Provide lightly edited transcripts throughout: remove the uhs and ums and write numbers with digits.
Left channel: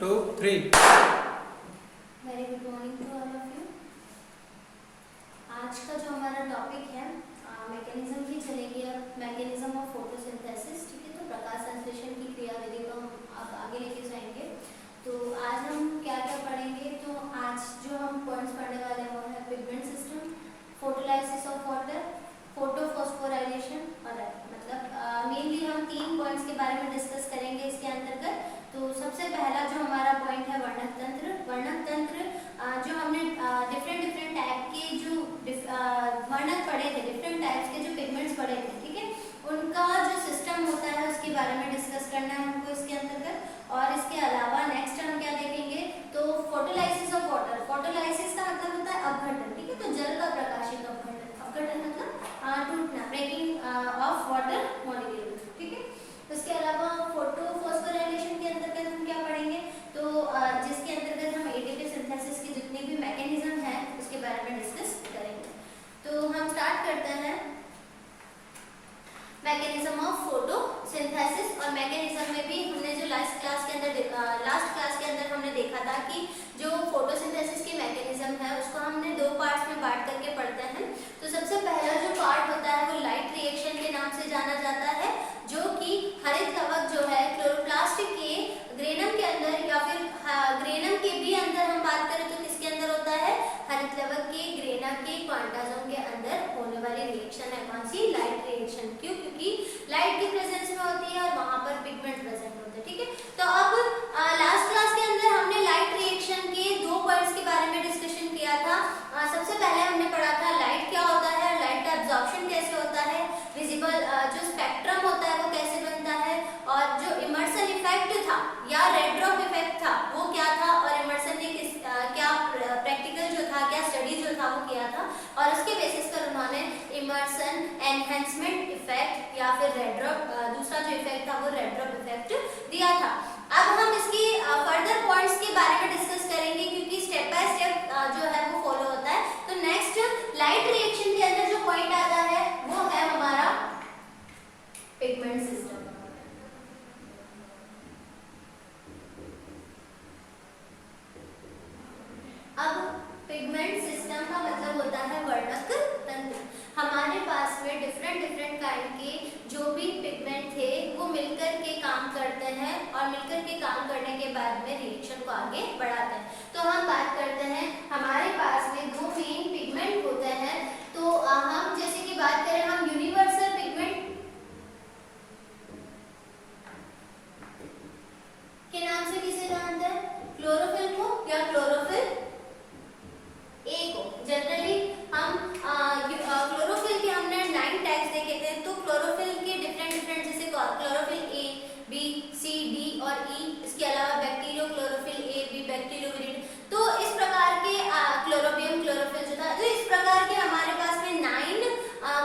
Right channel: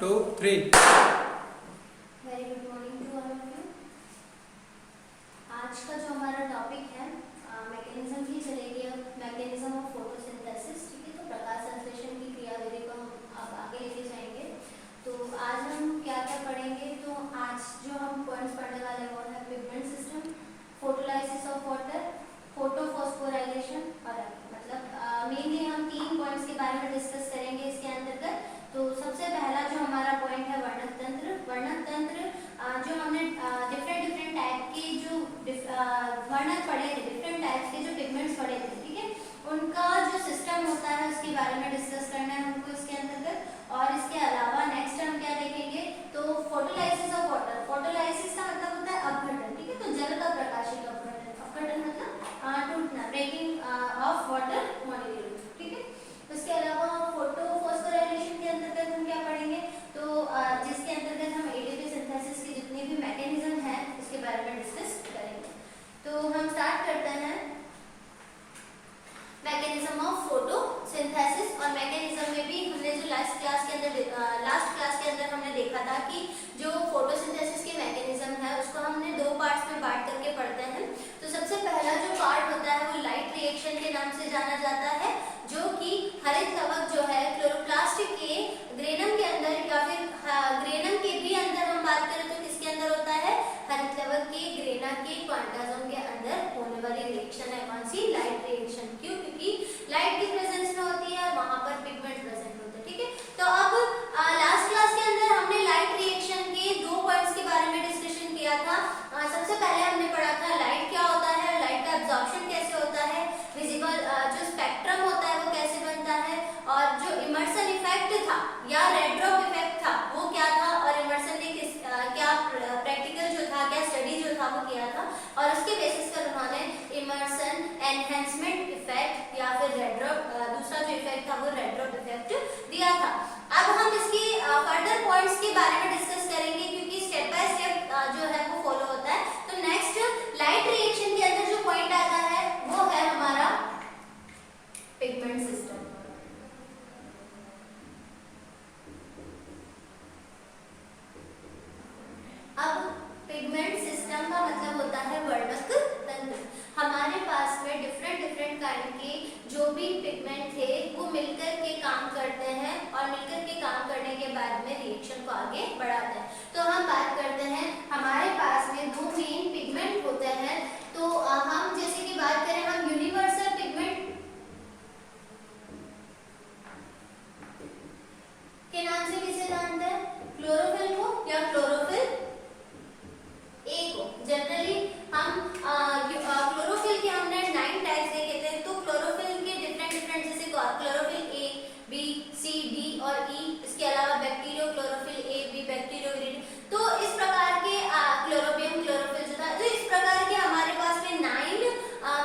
2 3 very good morning to all of you. आज का जो हमारा टॉपिक है मैकेनिज्म की चलेगी। अब मैकेनिज्म ऑफ फोटोसिंथेसिस, ठीक है। तो प्रकाश संश्लेषण की क्रियाविधि को हम अब आगे लेके जाएंगे। तो आज हम क्या क्या पढ़ेंगे, तो आज जो हम पॉइंट्स पढ़ने वाले हैं वो है pigment system, photolysis of water, photophosphorylation और मतलब मेनली हम 3 पॉइंट्स के बारे में डिस्कस करेंगे इसके अंतर्गत। तो सबसे पहला जो हमारा पॉइंट है वर्णक तंत्र। वर्णक तंत्र जो हमने डिफरेंट टाइप के जो वर्णक पढ़े थे, डिफरेंट टाइप्स के जो पिगमेंट्स पढ़े थे, ठीक है, उनका जो सिस्टम होता है उसके बारे में डिस्कस करना है हमको इसके अंतर्गत। और इसके अलावा नेक्स्ट हम क्या देखेंगे, तो फोटोलाइसिस ऑफ वाटर। फोटोलाइसिस का मतलब होता है अपघटन, ठीक है। तो जल का प्रकाशिक अपघटन, अपघटन मतलब टूटना, ब्रेकिंग ऑफ वाटर मॉलिक्यूल, ठीक है। इसके अलावा फोटोफॉस्फोराइलेशन के अंतर्गत हम क्या पढ़ेंगे, तो जिसके अंतर्गत हम एटीपी सिंथेसिस के जितने भी मैकेनिज्म है उसके बारे में डिस्कस करेंगे। तो हम स्टार्ट करते हैं मैकेनिज्म ऑफ फोटोसिंथेसिस। और मैकेनिज्म में भी हमने जो लास्ट क्लास के अंदर हमने देखा था कि जो फोटोसिंथेसिस की मैकेनिज्म है उसको हमने 2 पार्ट्स में बांट करके पढ़ते हैं। तो सबसे पहला जो पार्ट होता है वो लाइट रिएक्शन के नाम से जाना जाता है, जो कि हरित कवक जो है क्लोरोप्लास्ट के ग्रेनम के अंदर या फिर ग्रेनम के भी अंदर हम बात करें तो किसके अंदर होता है, हरित कवक के ग्रेना के क्वांटाजोम के अंदर होने वाली रिएक्शन है कौन सी, लाइट रिएक्शन। क्यों? क्योंकि लाइट की प्रेजेंस में होती है, वहां पर पिगमेंट प्रेजेंट होते हैं, ठीक है। तो अब लास्ट क्लास के अंदर हमने लाइट रिएक्शन के 2 पॉइंट्स के बारे में डिस्कशन किया था। सबसे पहले हमने पढ़ा था लाइट क्या होता है, लाइट का एब्जॉर्प्शन कैसे होता है, विजिबल जो स्पेक्ट्रम होता है वो कैसे बनता है, और जो इमर्सन इफेक्ट था या रेड ड्रॉप इफेक्ट था वो क्या था, और इमर्सन ने क्या प्रैक्टिकल जो था, क्या स्टडी जो था वो किया था, और उसके बेसिस पर उन्होंने इमर्सन एनहेंसमेंट इफेक्ट या फिर रेड ड्रॉप दूसरा जो इफेक्ट था वो रेड ड्रॉप इफेक्ट दिया था। अब हम इसकी फर्दर पॉइंट्स के बारे में डिस्कस करेंगे क्योंकि स्टेप बाय स्टेप जो है वो फॉलो होता है। तो नेक्स्ट लाइट रिएक्शन के अंदर जो पॉइंट आता है वो है हमारा पिगमेंट सिस्टम। अब पिगमेंट सिस्टम का मतलब होता है वर्णक तंत्र। हमारे पास में डिफरेंट काइंड के जो भी पिगमेंट थे वो मिलकर के काम करते हैं, और मिलकर के काम करने के बाद में रिएक्शन को आगे बढ़ाते हैं। तो हम बात करते हैं हमारे पास में 2 मेन पिगमेंट होते हैं। तो हम जैसे कि बात करें हम यूनिवर्सल पिगमेंट के नाम से किसे जानते हैं, क्लोरोफिल को या क्लोरोफिल ए को। जनरली हम क्लोरोफिल के हमने 9 टाइप्स देखे थे। तो क्लोरोफिल के डिफरेंट जैसे chlorophyll A, B, C, D और ई। इसके अलावा bacterio chlorophyll A, B, bacterio. तो इस प्रकार के क्लोरोबियम क्लोरोफिल जो था, तो इस प्रकार के हमारे पास में 9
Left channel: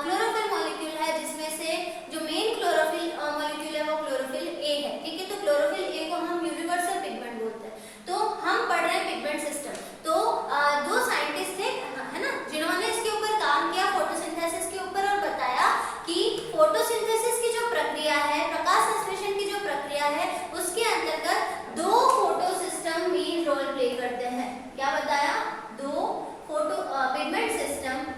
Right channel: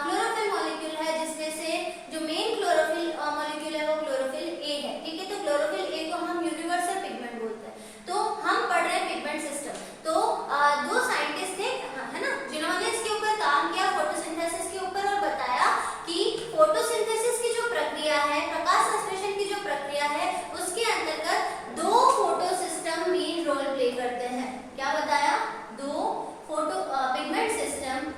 क्लोरोफिल मॉलिक्यूल है, जिसमें से जो मेन क्लोरोफिल मॉलिक्यूल है वो क्लोरोफिल ए है, ठीक है। तो क्लोरोफिल ए को हम यूनिवर्सल पिगमेंट बोलते हैं। तो हम पढ़ रहे हैं पिगमेंट सिस्टम। तो 2 साइंटिस्ट थे, है ना, जिन्होंने इसके ऊपर काम किया, फोटोसिंथेसिस के ऊपर, और बताया कि फोटोसिंथेसिस की जो प्रक्रिया है, प्रकाश संश्लेषण की जो प्रक्रिया है, उसके अंतर्गत 2 photo system main role play करते हैं। क्या बताया, 2 photo pigment system,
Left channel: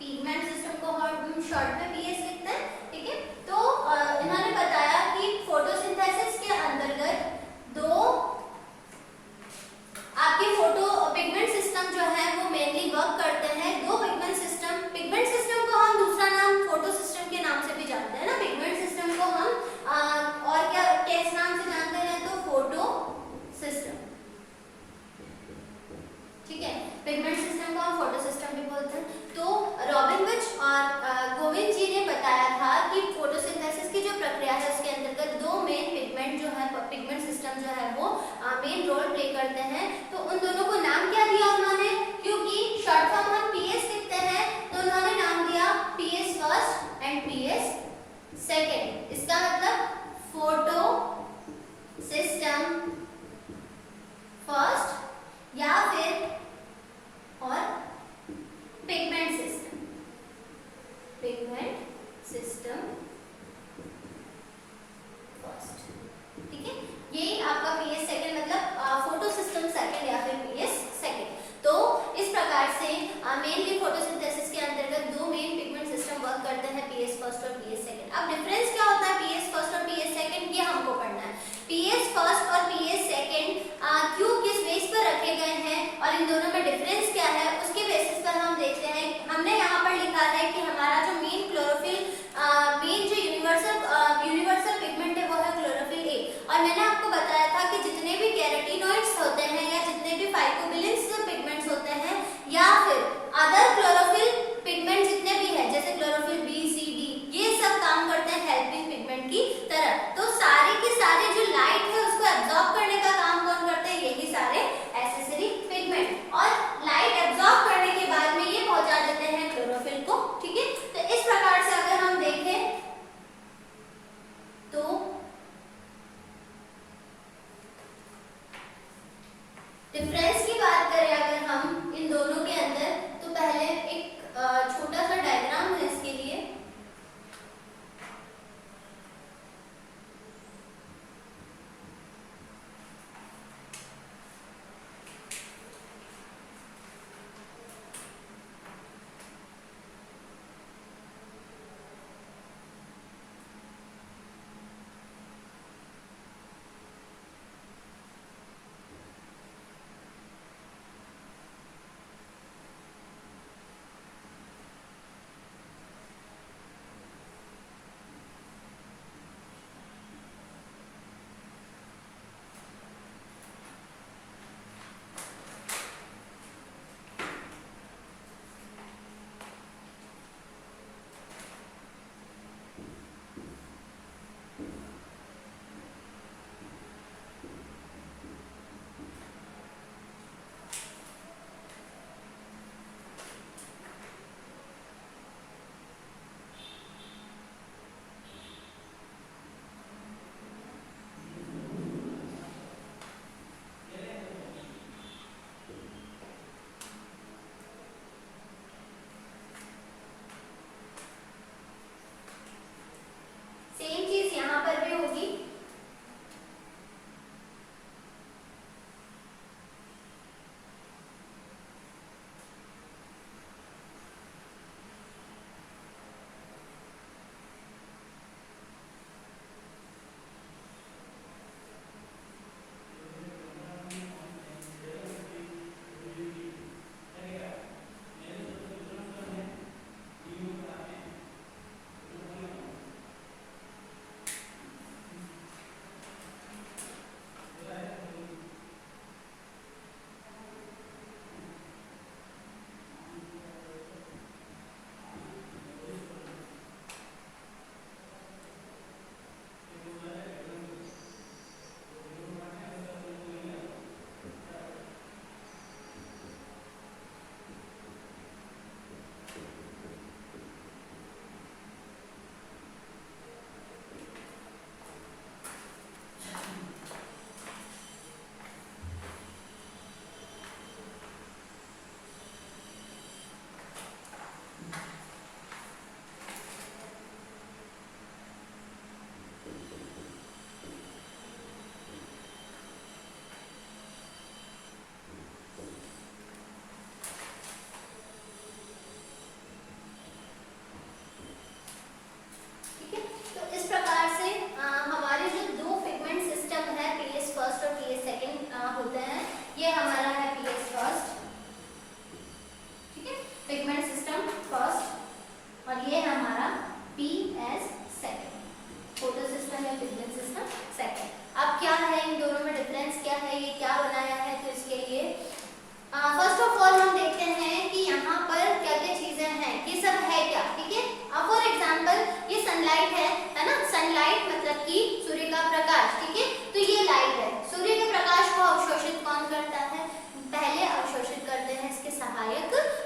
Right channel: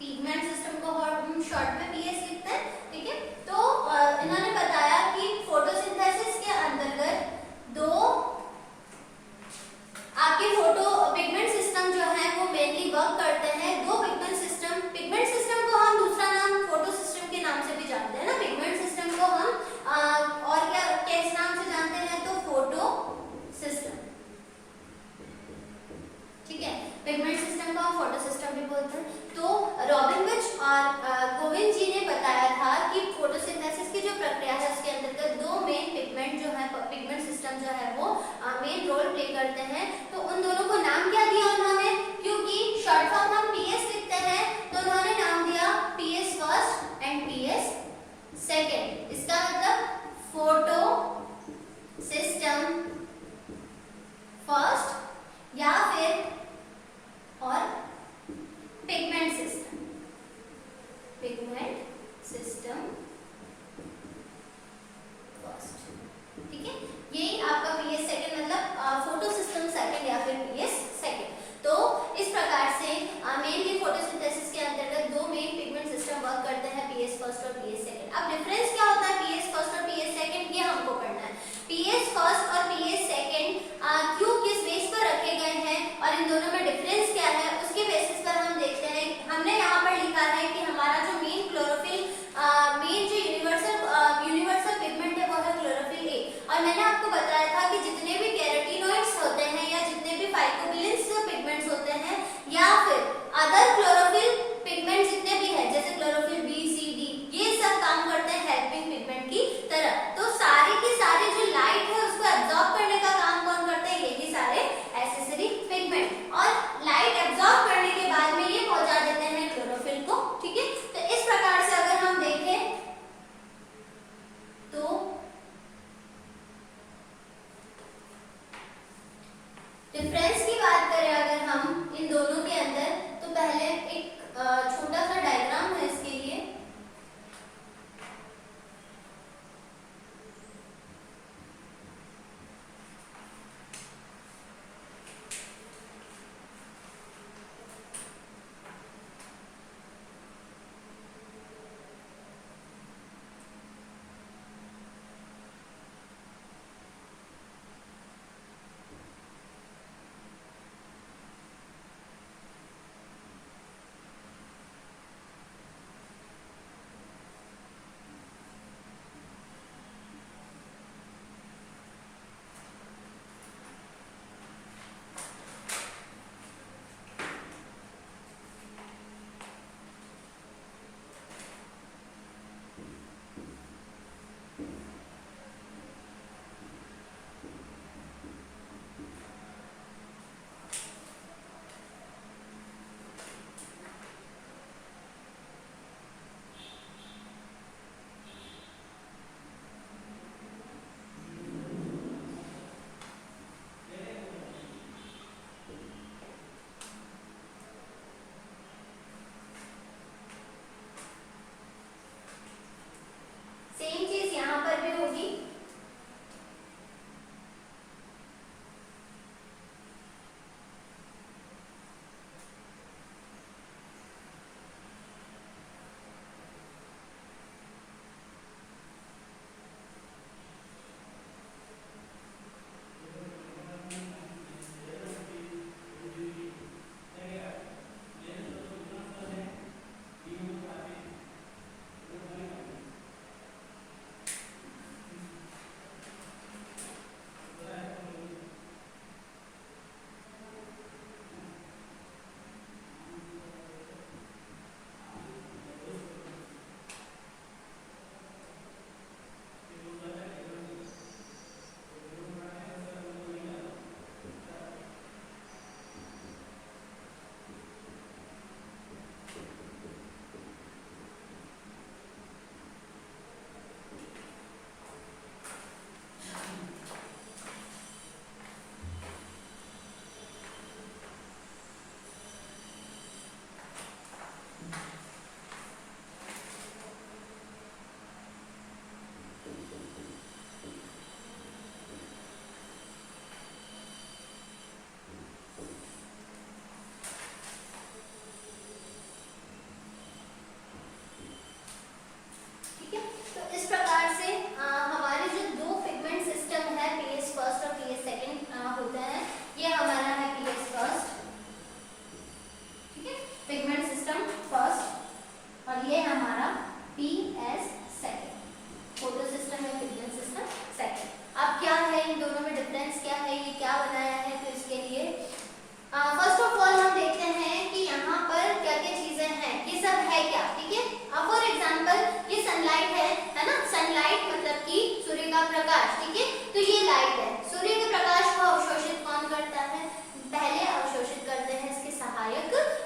pigment system को हम शॉर्ट में पीएस लिखते हैं, ठीक है। तो इन्होंने बताया कि फोटोसिंथेसिस के अंतर्गत 2 आपके फोटो पिगमेंट सिस्टम जो है वो मेनली वर्क करते हैं। 2 पिगमेंट सिस्टम को हम दूसरा नाम फोटो सिस्टम के नाम से भी जानते हैं ना। पिगमेंट सिस्टम को हम और क्या किस नाम से जानते हैं, तो फोटो सिस्टम, ठीक है। पिगमेंट सिस्टम को हम फोटो सिस्टम भी बोलते हैं। तो रॉबिनविच और गोविंद जी ने बताया था कि फोटोसिंथेसिस की जो प्रक्रिया है उसके अंतर्गत 2 मेन पिगमेंट जो है, पिगमेंट सिस्टम जो है वो मेन रोल प्ले करते हैं। तो उन दोनों को नाम क्या दिया उन्होंने, क्योंकि शॉर्ट फॉर्म हम पीएस लिखते हैं, तो उन्होंने नाम दिया PS first and PS second. इसका मतलब फोटो सिस्टम फर्स्ट या फिर और पिगमेंट सिस्टम फर्स्ट, ठीक है। ये आप और इन दोनों में डिफरेंस क्या है उसके बेसिस पर हम देखते हैं। हमने यहाँ पर लिखा है कि हमारा जो मेन क्लोरोफिल मेन जो यूनिवर्सल पिगमेंट है वो है क्लोरोफिल ए। और मैंने आपको बताया था कि जितने भी कैरोटीनॉइड्स होते हैं या जितने भी फाइकोबिलेंस पिगमेंट्स होते हैं या फिर अदर क्लोरोफिल पिगमेंट जितने भी है जैसे क्लोरोफिल बी सी डी, ये सब काम करते हैं हेल्पिंग पिगमेंट की तरह। तो सारे के सारे जो लाइट है उसको एब्जॉर्ब करने का काम कौन करते हैं, यही सारे एक्सेसरी पिगमेंट। और लाइट एब्जॉर्ब करने के बाद में ये पहुंचा देते हैं क्लोरोफिल को। ठीक है, तो इस प्रकार से अगर हम देखें तो डिफरेंस की बात करें अगर हम इन दोनों के अंदर, तो पहले एक छोटा सा डायग्राम है इसके लिए। सेम चीज यहाँ पर भी होगी।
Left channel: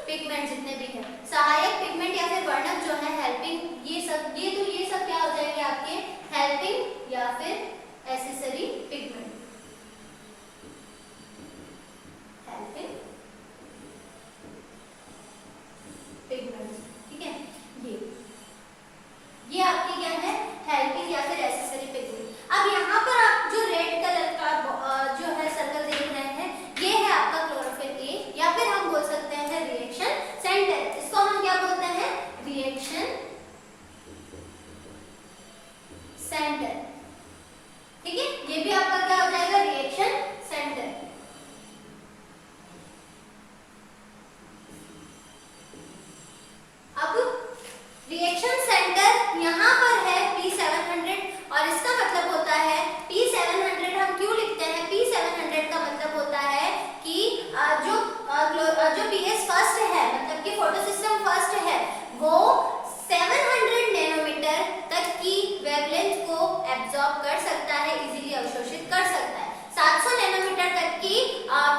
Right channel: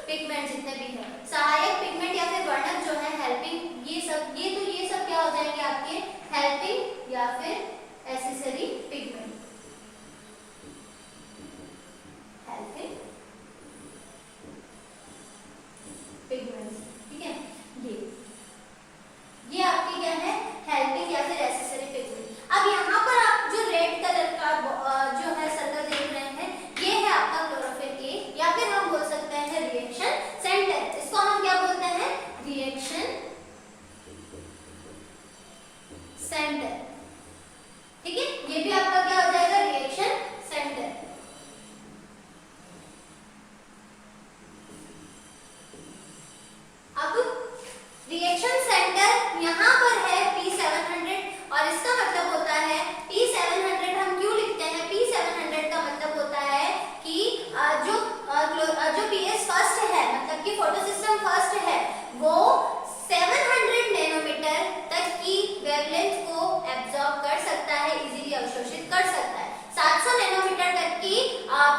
पिगमेंट जितने भी हैं, सहायक पिगमेंट या फिर वर्णक जो है हेल्पिंग, ये सब क्या हो जाएंगे आपके हेल्पिंग या फिर एसेसरी पिगमेंट। हेल्पिंग पिगमेंट्स, ठीक है। ये आपकी क्या है, हेल्पिंग या फिर एसेसरी पिगमेंट। अब यहाँ पर आप जो रेड कलर का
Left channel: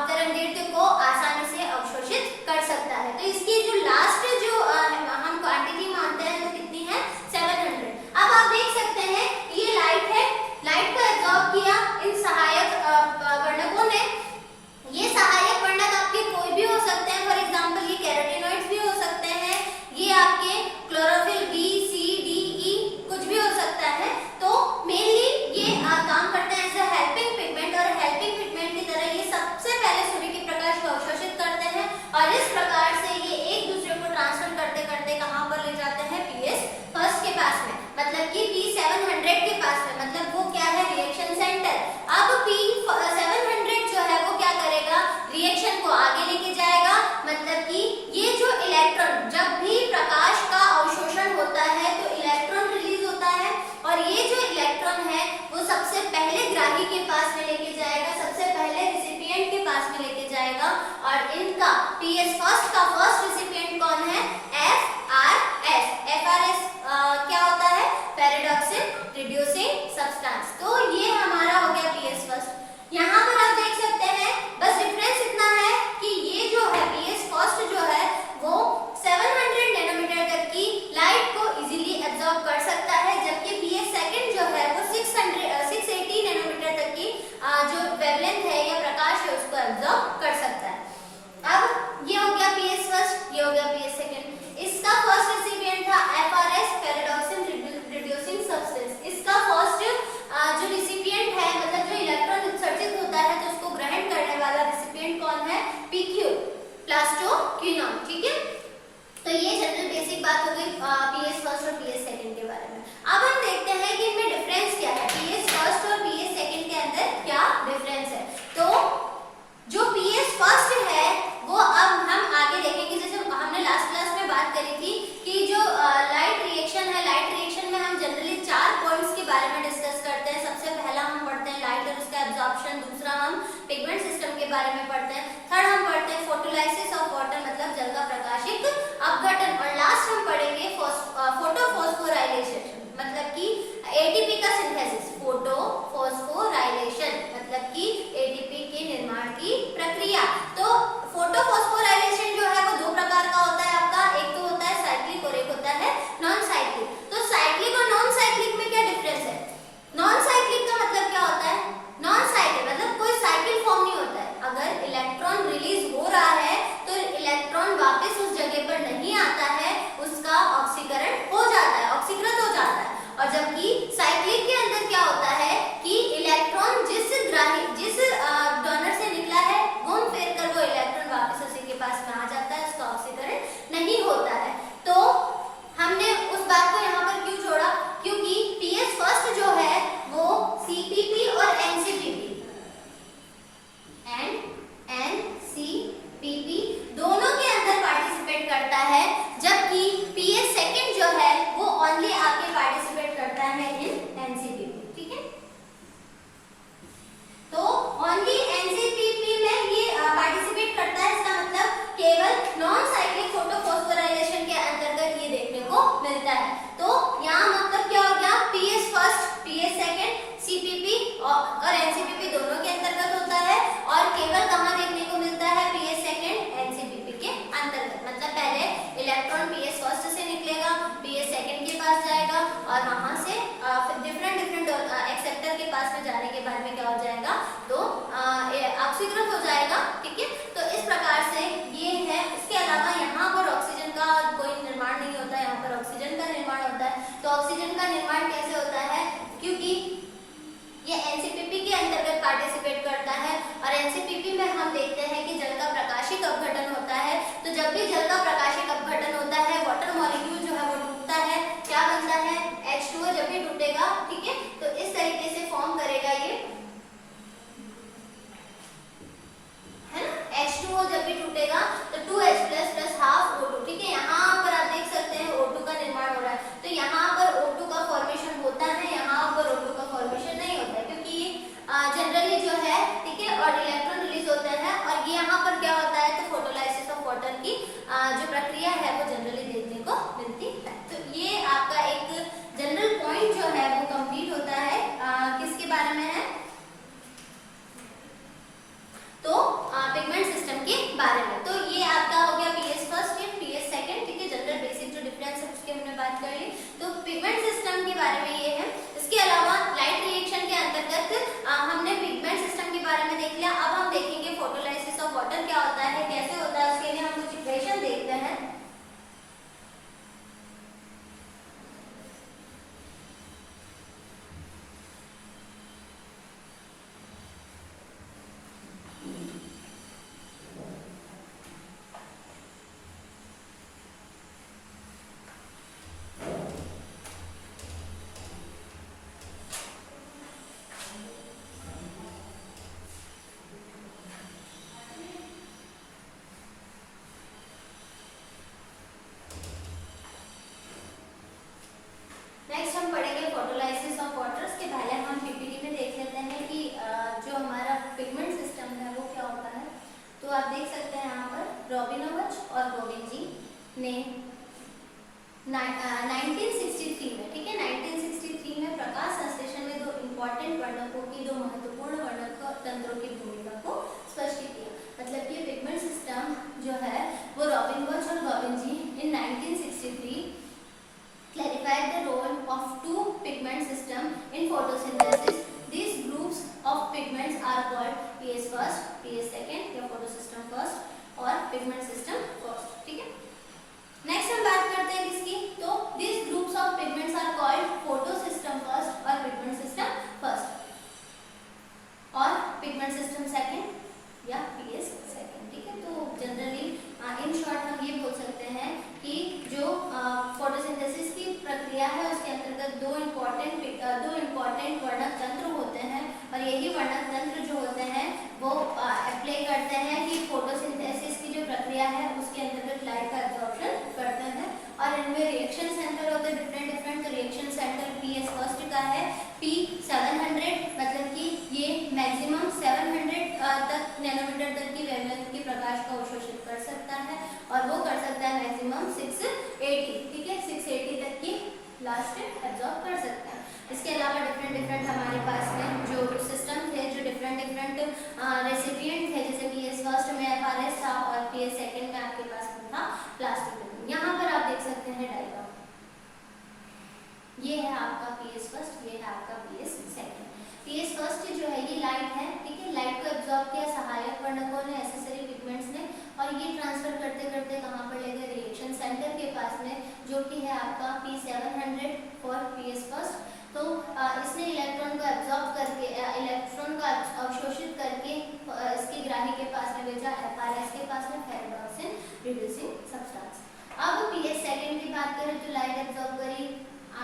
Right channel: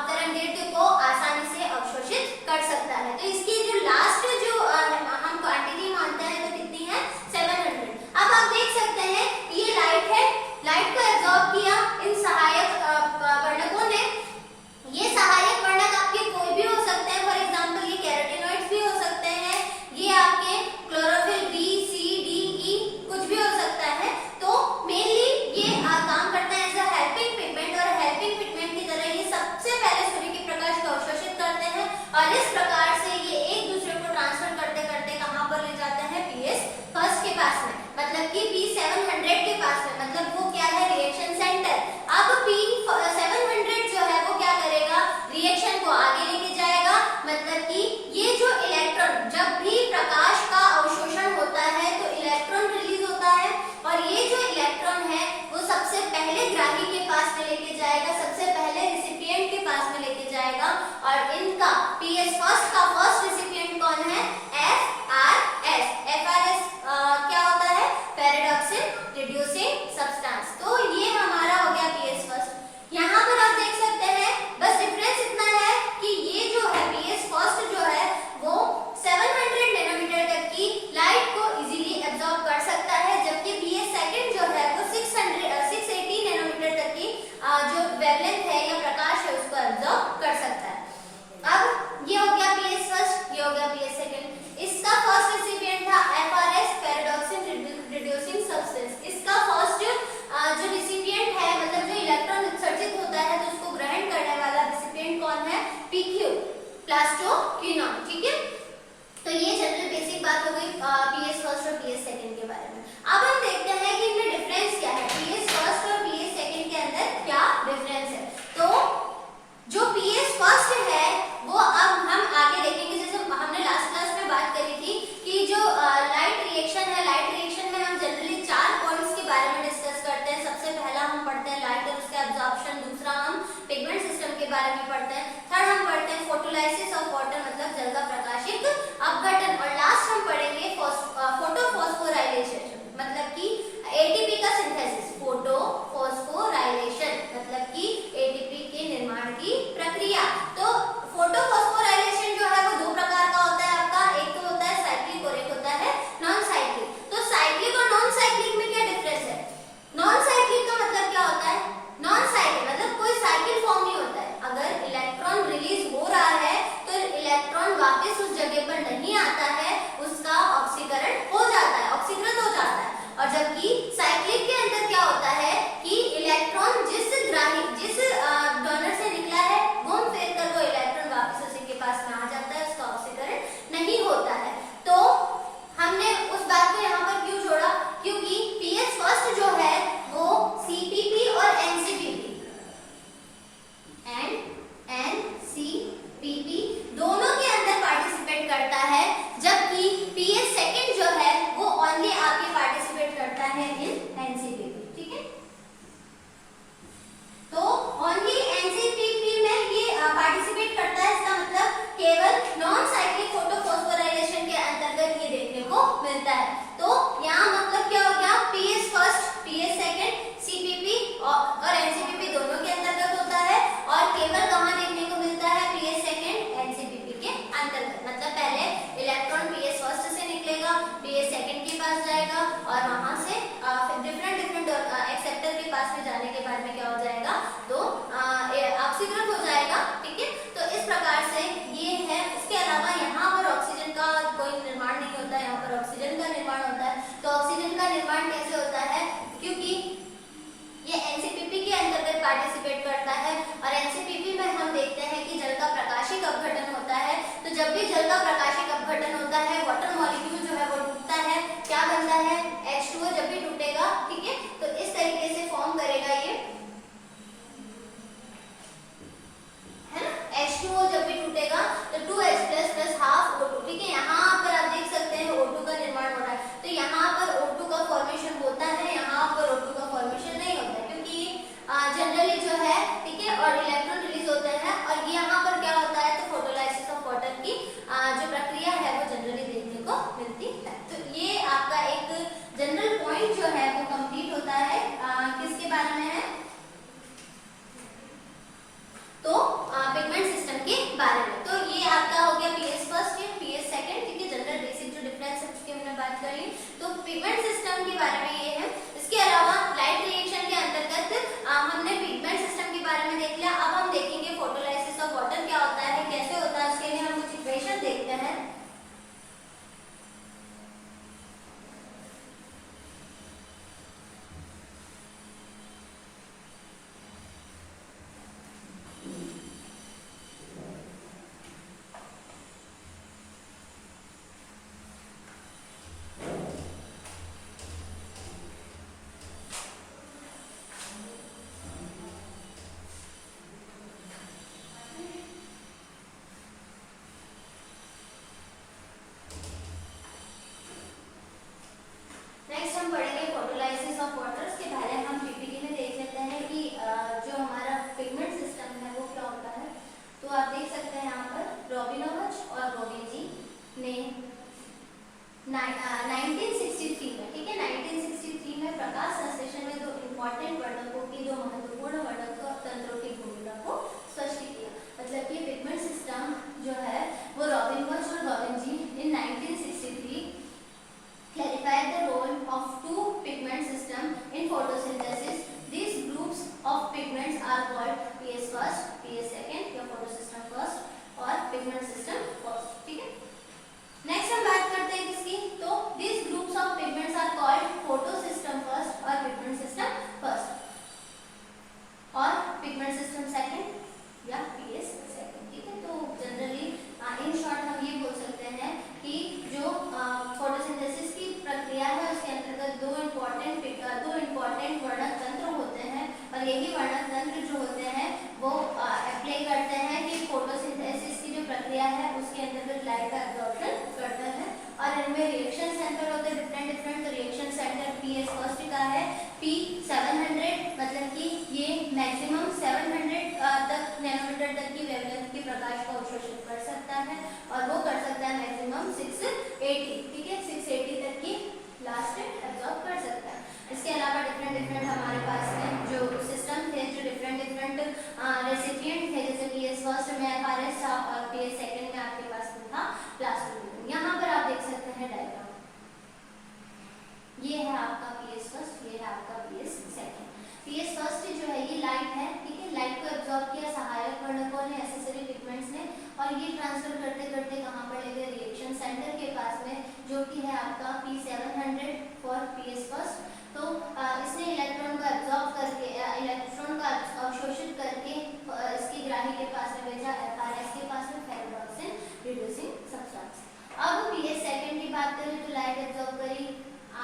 तरंगदैर्ध्य को आसानी से अवशोषित कर सकता है। तो इसकी जो लास्ट जो हम क्वांटिटी मानते हैं तो कितनी है 700। अब आप देख सकते हैं ये लाइट है, लाइट को एब्जॉर्ब किया इन सहायक वर्णकों ने। ये सहायक वर्णक आपके कोई भी हो सकते हैं, फॉर एग्जांपल ये कैरोटीनॉइड्स भी हो सकते हैं, ये आपके chlorophyll B C D E कुछ भी हो सकता है। तो मेनली ये काम करते हैं एज अ हेल्पिंग पिगमेंट, और हेल्पिंग पिगमेंट की तरह ये सबसे पहले सूर्य के प्रकाश को अवशोषित करते हैं और इस प्रकार से ये एक दूसरे को ट्रांसफर करते करते कहां पर ले जाते हैं पीएस फर्स्ट के पास में, मतलब कि P700 के पास में, मतलब वो क्या है रिएक्शन सेंटर। अब P700 जो है वो क्या करेगा, रिएक्शन को आगे लेके जाएगा, मतलब कि ये जो इलेक्ट्रॉन, जब भी प्रकाश का अवशोषण होता है तो इलेक्ट्रॉन रिलीज होता है और ये जो इलेक्ट्रॉन है वो सबसे पहले ग्राही के पास में लेके जाएगा, सबसे पहले रिसिपिएंट के पास में लेके जाएगा। और इनका पीएस फर्स्ट का फर्स्ट रिसिपिएंट कौन है, FRS। FRS क्या होता है, पैराडॉक्सिल रिड्यूसिंग सब्सटेंस। तो ये हमारा हो गया पीएस फर्स्ट। यहाँ पर आप देख सकते हैं बस डिफरेंस इतना है कि ये जो है पीएस फर्स्ट जो है वो 700 नैनोमीटर तक की लाइट को इजीली एब्जॉर्ब कर सकता है, जबकि पीएस सेकंड जो है वो 680 नैनोमीटर तक की जो वेवलेंथ है या प्रकाश है उसको एब्जॉर्ब कर सकता है। अब ये हो गया पीएस फर्स्ट, ये हो गया पीएस सेकंड। इसका फर्स्ट रेसिपिएंट था FRS, पैराडॉक्सिल रिड्यूसिंग सब्सटेंस। इसका फर्स्ट जो रेसिपिएंट है, मतलब जो इलेक्ट्रॉन उत्सर्जित होता है तो उसको ग्रहण करने वाला रेसिपिएंट कौन है, PQ, प्लास्टोक्विनोन। ठीक है, तो ये जनरल बेसिक बात हो गई पीएस फर्स्ट और पीएस सेकंड के बारे में। अब हम देखते हैं कि इनमें डिफरेंस क्या है, पीएस फर्स्ट और पीएस सेकंड के अंदर क्या डिफरेंस है। तो जो पीएस फर्स्ट है वो अब हम आगे देखेंगे, जैसे हमने लास्ट क्लास में बात करी थी कि जो लाइट रिएक्शन है, लाइट रिएक्शन में हम जनरली 4 पॉइंट्स के बारे में डिस्कस करते हैं। सबसे पहला हम पढ़ते हैं लाइट और उसका एब्जॉर्प्शन, दूसरा हम पिगमेंट सिस्टम के बारे में पढ़ते हैं, थर्ड हम पढ़ते हैं फोटोलाइसिस ऑफ वाटर मतलब जल का प्रकाशित अपघटन, और लास्ट हम पढ़ेंगे फोटोफॉस्फोराइलेशन मतलब कि एटीपी का सिंथेसिस। फोटोफॉस्फोराइलेशन मतलब कि एटीपी के निर्माण की प्रक्रिया। तो फोटोफॉस्फोराइलेशन जो है वो 2 प्रकार का होता है आपका, एक तो होता है साइक्लिक और एक होता है नॉन साइक्लिक। तो साइक्लिक और नॉन साइक्लिक में क्या डिफरेंस है, नॉन साइक्लिक का मतलब क्या होता है, नॉन साइक्लिक मतलब कोई साइकिल फॉर्म नहीं होता है। अगर इलेक्ट्रॉन रिलीज हो रहा है तो इलेक्ट्रॉन वापस उस जगह पर नहीं आता है, उसका ऑक्सीकरण हो जाता है, ऑक्सीकृत हो जाता है। और जबकि साइक्लिक के अंदर क्या होता है कि इलेक्ट्रॉन जिस डोनर से निकला है घूम फिर कर वो इलेक्ट्रॉन वापस उसी के पास में आ जाता है, उसका ऑक्सीकरण नहीं होता है। तो हमने उस बात को यहाँ पर क्यों छोड़ा, क्योंकि पीएस फर्स्ट जो है वो सीपीपी और एनसीपीपी दोनों के अंदर पार्टिसिपेट करता है, जबकि पीएस सेकंड जो है वो ओनली आपके पार्टिसिपेट करता है इन एनसीपीपी। ठीक है, तो ओनली एनसीपीपी में ये पार्टिसिपेट करता है, इसका मतलब केवल नॉन साइक्लिक फोटोफॉस्फोराइलेशन के अंतर्गत ये देखने को मिलता है। तो यहाँ मतलब क्या हो गया, PS first PS second CPP और एनसीपीपी दोनों के अंतर्गत होता है, और केवल कहाँ देखने को मिलता है, पीएस सेकंड एनसीपीपी के अंतर्गत। मतलब पहले इलेक्ट्रॉन पीएस फर्स्ट से निकलेगा, पीएस सेकंड के पास जाएगा और वहां से डिफरेंट एक्सेप्टर के पास में जाने के बाद में क्या हो जाएगा, तो ऑक्सीकृत हो जाएगा। ठीक है, तो इस प्रकार से ये है। इसके अलावा यहाँ पर ऑक्सीजन का कोई निर्माण नहीं होता है, यहाँ पर ऑक्सीजन का निर्माण होता है। तो ऑक्सीजन का निर्माण कैसे होता है, क्योंकि ये एनसीपीपी के अंतर्गत पार्टिसिपेट करता है, और एनसीपीपी में हम देखते हैं कि जल का प्रकाशिक अपघटन होता है। तो जब भी जल का प्रकाशिक अपघटन होता है, वाटर मॉलिक्यूल जो है वो टूटता है, क्या बनता है, H2O जब भी टूटेगा, ठीक है, तो इस तरीके से फॉर्म करेगा ये, है ना, H2O जब भी टूटेगा तो 2H+ हाफ O2। ठीक है, यहाँ पर आप देख सकते हैं O2 का निर्माण हो रहा है। तो यहाँ पर O2 का फॉर्मेशन होता है, यहाँ पर O2 का फॉर्मेशन नहीं होता है, क्योंकि जनरली जो है, ठीक है, और इलेक्ट्रॉन रिलीज होता है। और ये यहाँ पर क्या होता है, तो फोटोलाइसिस ऑफ वाटर की जो देख लिया। अब हम देखेंगे फोटोलाइसिस ऑफ वाटर क्या होता है, कैसे होता है। उसके लिए हम कुछ इक्वेशन देखते हैं। नेक्स्ट हम पढ़ेंगे फोटोलाइसिस ऑफ वाटर। उसके पहले हम पीपीटी में देख लेते हैं कि जो हमारा पिगमेंट सिस्टम है वो क्या होता है। तो आप देख सकते हैं यहाँ पर रॉबिनोविच और गोगिन जी ने 1963 में, ठीक है, 1963 में प्रकाश संश्लेषण में दो इम्पोर्टेंट वर्णकों की, दो महत्वपूर्ण वर्णक तंत्रों की भूमिका को स्पष्ट किया। मतलब ये पिगमेंट सिस्टम जो है वो रॉबिनोविच और गोगिन जी इन 1963 clarified the role of two pigment system in photosynthesis. These groups of pigments are called PS first, PS second या photosystem first और pigment system first, ठीक है। नेक्स्ट हम बात करते हैं किसकी, तो these groups of pigments are called photosystem first और pigment system first और pigment system second या PS second, ठीक है। तो जनरली इन शॉर्ट हम ये बोल सकते हैं कि जो फोटोसिंथेसिस की प्रक्रिया है उसके अंतर्गत दो इम्पोर्टेंट वर्णक तंत्र होते हैं और यही वर्णक तंत्र जो होते हैं वो अप्लाई करते हैं कि फोटोसिंथेसिस की जो प्रक्रिया है उसके अंतर्गत लाइट का एब्जॉर्प्शन करते हैं। और इनमें रिएक्शन सेंटर होते हैं डिफरेंट। तो रिएक्शन सेंटर PS फर्स्ट का है P700, मतलब कि ये मैक्सिमम 700 तक नैनोमीटर तक की वेवलेंथ की प्रकाश का अवशोषित कर सकता है और वो कर सकता है मैक्सिमम 680, ठीक है, 680 तक की लास्ट एब्जॉर्ब कर सकता है। इसके अलावा डिफरेंट हमारे पास में जो सिस्टम थे, जो डिफरेंट रेसिपिएंट थे, जैसे PS फर्स्ट में FRS था और PS सेकंड में आपके पास में था प्लास्टिक। यहाँ पर आप देख सकते हैं डायग्राम, ये है आपका PS फर्स्ट, ये है आपका PS सेकंड। PS फर्स्ट जो है ये लाइट है, ठीक है, लाइट को एब्जॉर्ब किया सहायक वर्णकों ने, एसेसरी पिगमेंट्स ने, और ये ट्रांसफर करते करते कहाँ पर ले गए, रिएक्शन सेंटर के पास में, जो कि है आपका P700 फॉर PS फर्स्ट। तो इसने इलेक्ट्रॉन को एब्जॉर्ब करके, इलेक्ट्रॉन का अवशोषित करके इसकी ग्राही के पास में भेजा FRS के पास में, फेरोऑक्सिन रिड्यूसिंग सब्सटेंस। अब PS सेकंड की बात करें तो लाइट एब्जॉर्ब करी,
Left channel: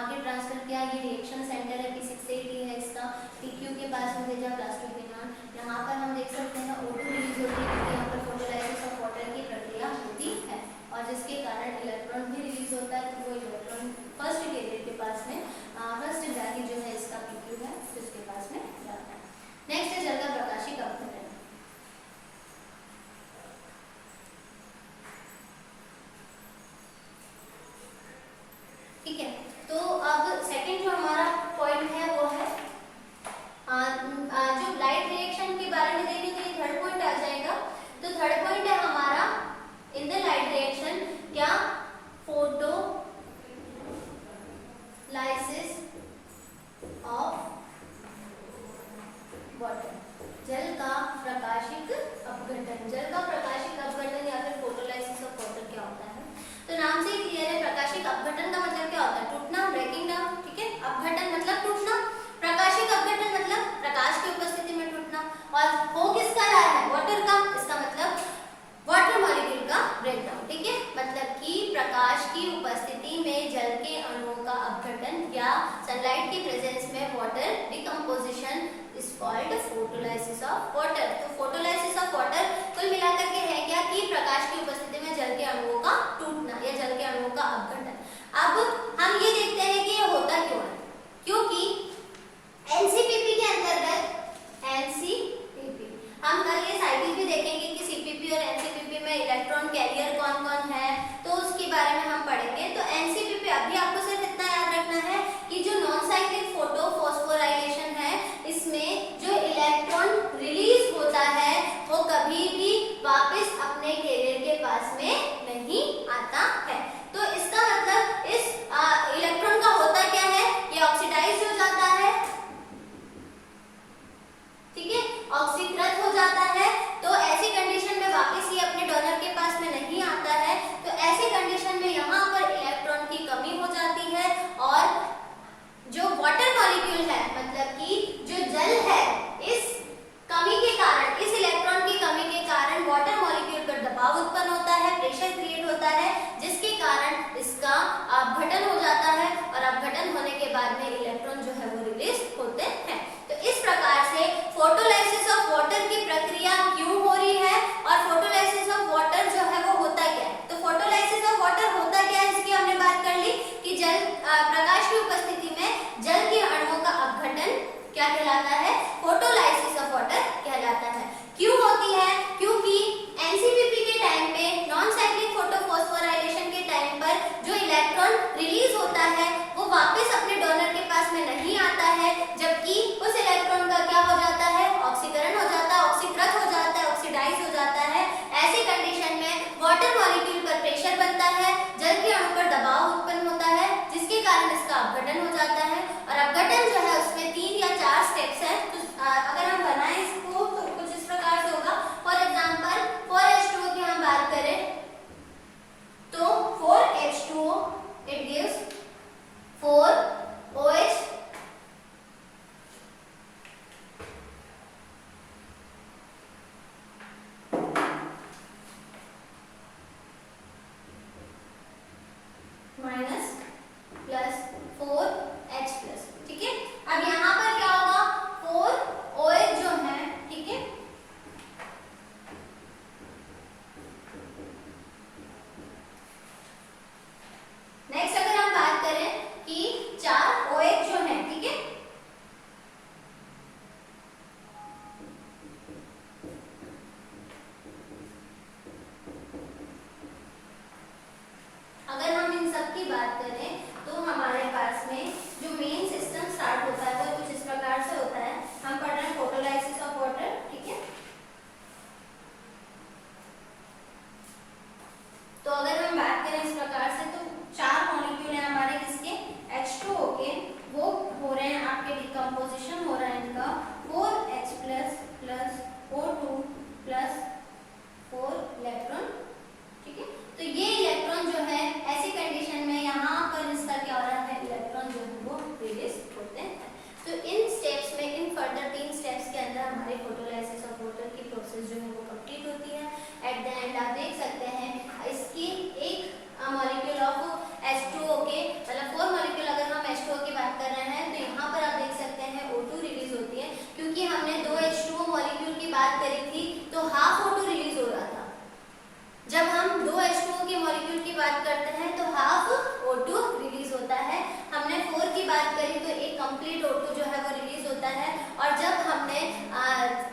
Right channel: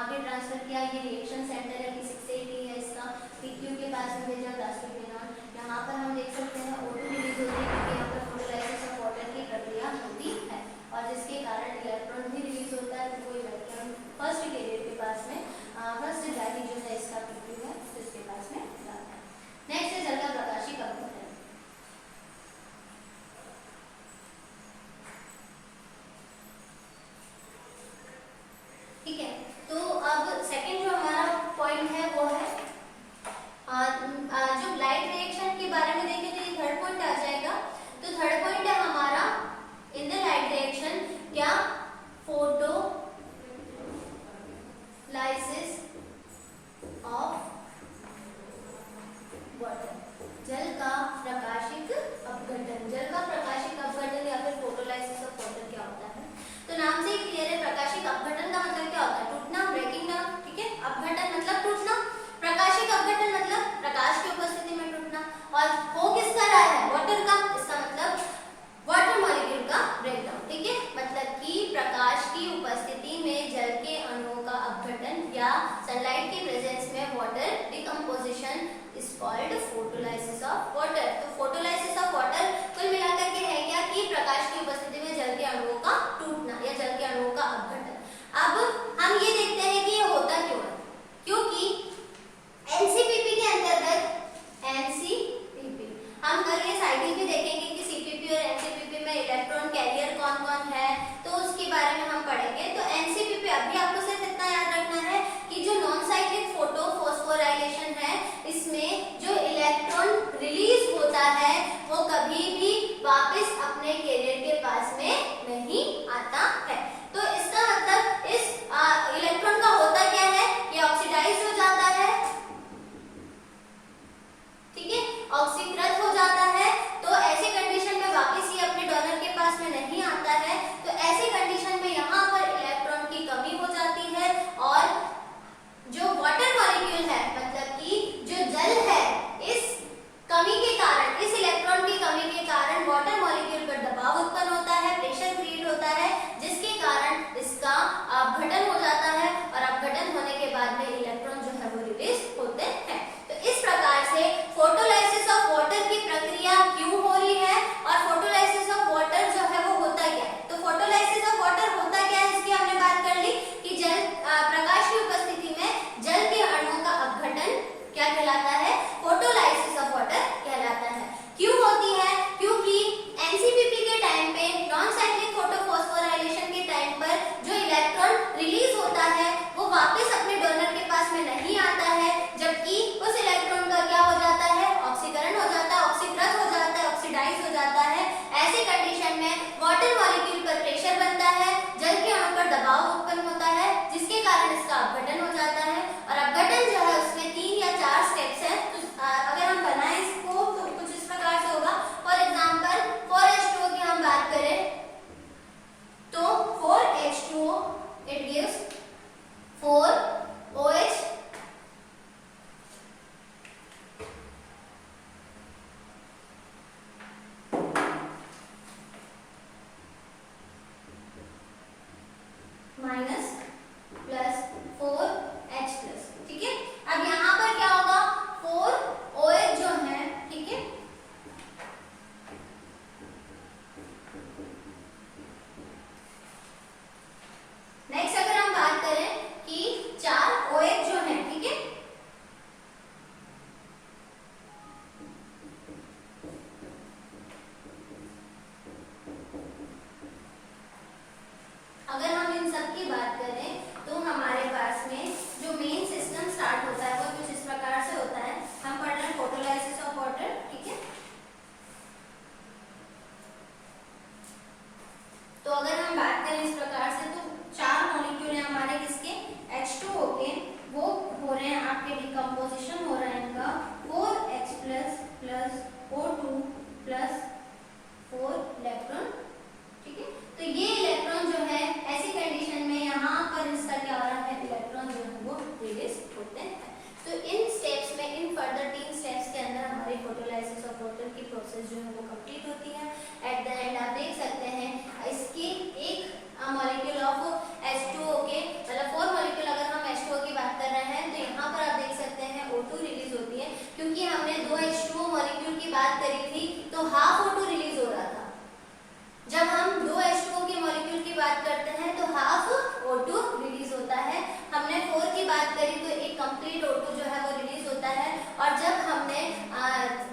आगे ट्रांसफर किया, ये रिएक्शन सेंटर है P680 है इसका, PQ के पास में भेजा प्लास्टोक्विनोन। यहाँ पर हम देख सकते हैं O2 रिलीज होती है, यहाँ पर फोटोलाइसिस ऑफ वाटर की प्रक्रिया होती है और जिसके कारण इलेक्ट्रॉन भी रिलीज होता है। तो वो इलेक्ट्रॉन फर्स्ट कैरियर के पास में, फर्स्ट ग्राही जो है इसका PQ है, जिसके पास में जाता है। नेक्स्ट है जल का प्रकाशिक अपघटन। ठीक है, तो अब सेकंड जो हमारा पॉइंट है वो है जो लाइट रिएक्शन के बारे में देखें तो ये थर्ड पॉइंट आ जाएगा। तो थर्ड पॉइंट है हमारा इन द लाइट रिएक्शन क्या, फोटो लाइसिस ऑफ वाटर, जल का प्रकाशिक अपघटन। जल का प्रकाशिक अपघटन या फिर फोटोलाइसिस ऑफ वाटर क्या होता है, तो नाम से क्लियर है। प्रकाशिक अपघटन का मतलब क्या होता है, टूटना, ब्रेकिंग डाउन, ठीक है। अपघटन मतलब टूटना, प्रकाशिक अपघटन मतलब प्रकाश की उपस्थिति में टूटना, और हो किसका रहा है, वाटर का, इसका मतलब वाटर मॉलिक्यूल का ब्रेकडाउन, ठीक है। मतलब कि प्रकाश की उपस्थिति में जल के अणुओं का अपघटन या सनलाइट की प्रेजेंस में water decomposition is called photolysis of water. तो फोटोलाइसिस ऑफ वाटर कुल मिलाकर के है क्या कि प्रकाश की उपस्थिति में जल के अणुओं का टूटना या जल के अणुओं का अपघटन। अब हम ये देखते हैं कि ये होता क्यों है, क्योंकि एनसीपीपी के अंतर्गत, एनसीपीपी हम कल ये साइकिल भी देखेंगे कि सीपीपी और एनसीपीपी में इलेक्ट्रॉन कैरियर कौन कौन है, तो उसके बारे में हम पढ़ेंगे। तो एनसीपीपी अभी आपको सिर्फ इतना याद रखना है कि जो नॉन साइक्लिक फोटो फॉस्फोराइलेशन है, इसमें जो इलेक्ट्रॉन रिलीज होता है वो कभी भी वापस अपने कैरियर के पास में नहीं आता है। तो इसका मतलब इस इलेक्ट्रॉन का होता क्या है, ये ऑक्सीडाइज हो जाता है, ठीक है, ऑक्सीकृत हो जाता है तो ऐसी कंडीशन में वापस ये अपने डोनर के पास में नहीं आता है। तो ऐसी कंडीशन में यहाँ पर इलेक्ट्रॉन की कमी हो जाती है और जो वाटर मॉलिक्यूल है मतलब कि जो जल है, इस कमी के कारण, इस इलेक्ट्रॉन की कमी के कारण वाटर मॉलिक्यूल पर दबाव उत्पन्न होता है, प्रेशर क्रिएट होता है, जिसके कारण इसका अपघटन हो जाता है और अपघटन होने के बाद में इलेक्ट्रॉन जो है वो रिलीज होते हैं। तो इस प्रकार से फोटोलाइसिस ऑफ वाटर की प्रक्रिया क्यों हो रही है और फोटोलाइसिस ऑफ वाटर जो है वो होता क्या है। तो फोटोलाइसिस ऑफ वाटर होता क्या है इसकी हमने बात कर ली कि जल प्रकाश की उपस्थिति में जल के अणुओं का अपघटन क्या कहलाता है, फोटोलाइसिस ऑफ वाटर कहलाता है। क्यों होती है, क्योंकि एनसीपीपी के टाइम पे, नॉन साइक्लिक फोटोफॉस्फोराइलेशन के टाइम पर जो इलेक्ट्रॉन रिलीज होता है वो वापस अपने डोनर के पास में नहीं आता है, जबकि उस इलेक्ट्रॉन का क्या हो जाता है, ऑक्सीकरण हो जाता है, ऑक्सीकृत हो जाता है, ऑक्सीडाइज हो जाता है। ऐसी कंडीशन में वाटर मॉलिक्यूल पर प्रेशर बनता है, जल के अणु पर दबाव उत्पन्न होता है, जिसके कारण इसका अपघटन हो जाता है। और अपघटन जो है उसमें 3 या 4 स्टेप्स हैं। तो अगर हम बनाएं इसको तो कुछ इस प्रकार से होगा। फॉर एग्जांपल 4H2O की हम बात करें तो 4H2O it gives 4OH minus plus 4H plus. ठीक है, अब यहाँ पर क्या होगा, 4OH जो है, ठीक है, नेक्स्ट अगर हम बात करें कि 4OH जो है, ठीक है, अगर हम इन सब की बात करें तो हमारे पास में जो मेन सिस्टम स्टार्ट होता है वो कुछ इस प्रकार से होता है। हम पढ़ रहे हैं फोटोलाइसिस ऑफ वाटर, ठीक है। तो अगर हम बात करें इस प्रकार से तो 4 मॉलिक्यूल हैं हमारे किसके, H2O के, वो हो रहे हैं आपके डिकम्पोजिशन हो रहा है इनका 4H plus O2 plus 4 electron, ठीक है। तो ये इलेक्ट्रॉन जो है ऐसी कंडीशन में यहाँ पर इसका क्या हो रहा है, इलेक्ट्रॉन जो है वो रिलीज होते हैं। तो इन स्टेप्स में, इन फर्दर 3 स्टेप्स के अंदर हमारी फोटोलाइसिस ऑफ वाटर की प्रोसेस जो है वो कंप्लीट होती है। एट द एंड आप देख सकते हैं इसकी एक मॉलिक्यूल ऑफ H2O के, मतलब 4 मॉलिक्यूल अगर हम H2O की बात कर रहे हैं तो यहाँ पर आप देख सकते हैं O2 रिलीज होती है, क्योंकि हमने 2 H2O मॉलिक्यूल की बात करी थी तो हाफ O2 रिलीज हो रहा था। जब हम 2 H2O के मॉलिक्यूल की बात करते हैं तो हाफ O2 रिलीज होता है। हमने 4 की बात करी तो एक कंप्लीट O2 जो है वो रिलीज होता है। और जब हमने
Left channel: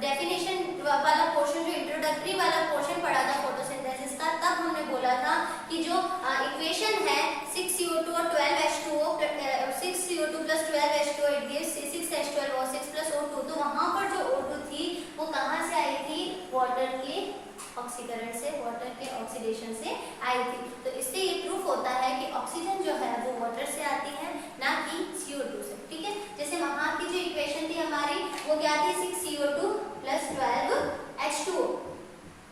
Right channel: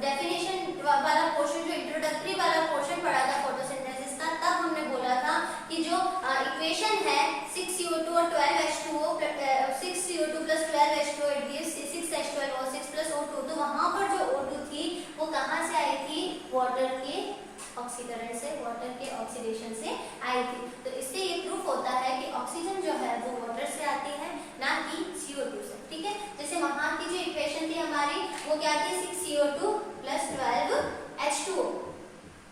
डेफिनेशन वाला पोर्शन, जो इंट्रोडक्टरी वाला पोर्शन पढ़ा था फोटोसिंथेसिस का, तब हमने बोला था कि जो इक्वेशन है 6CO2 और 12H2O, 6CO2 plus 12H2O it gives 6H12O6 plus O2। तो वहां पर जो O2 थी वो कहां से आई थी, वाटर के ऑक्सीकरण से, वाटर के ऑक्सीडेशन से आई थी। तो इससे ये प्रूफ होता है कि ऑक्सीजन जो है वो वाटर से आती है, ना कि CO2 से। ठीक है, जैसे वहां की जो इक्वेशन थी हमारी वो क्या थी, 6CO2 plus 12H2O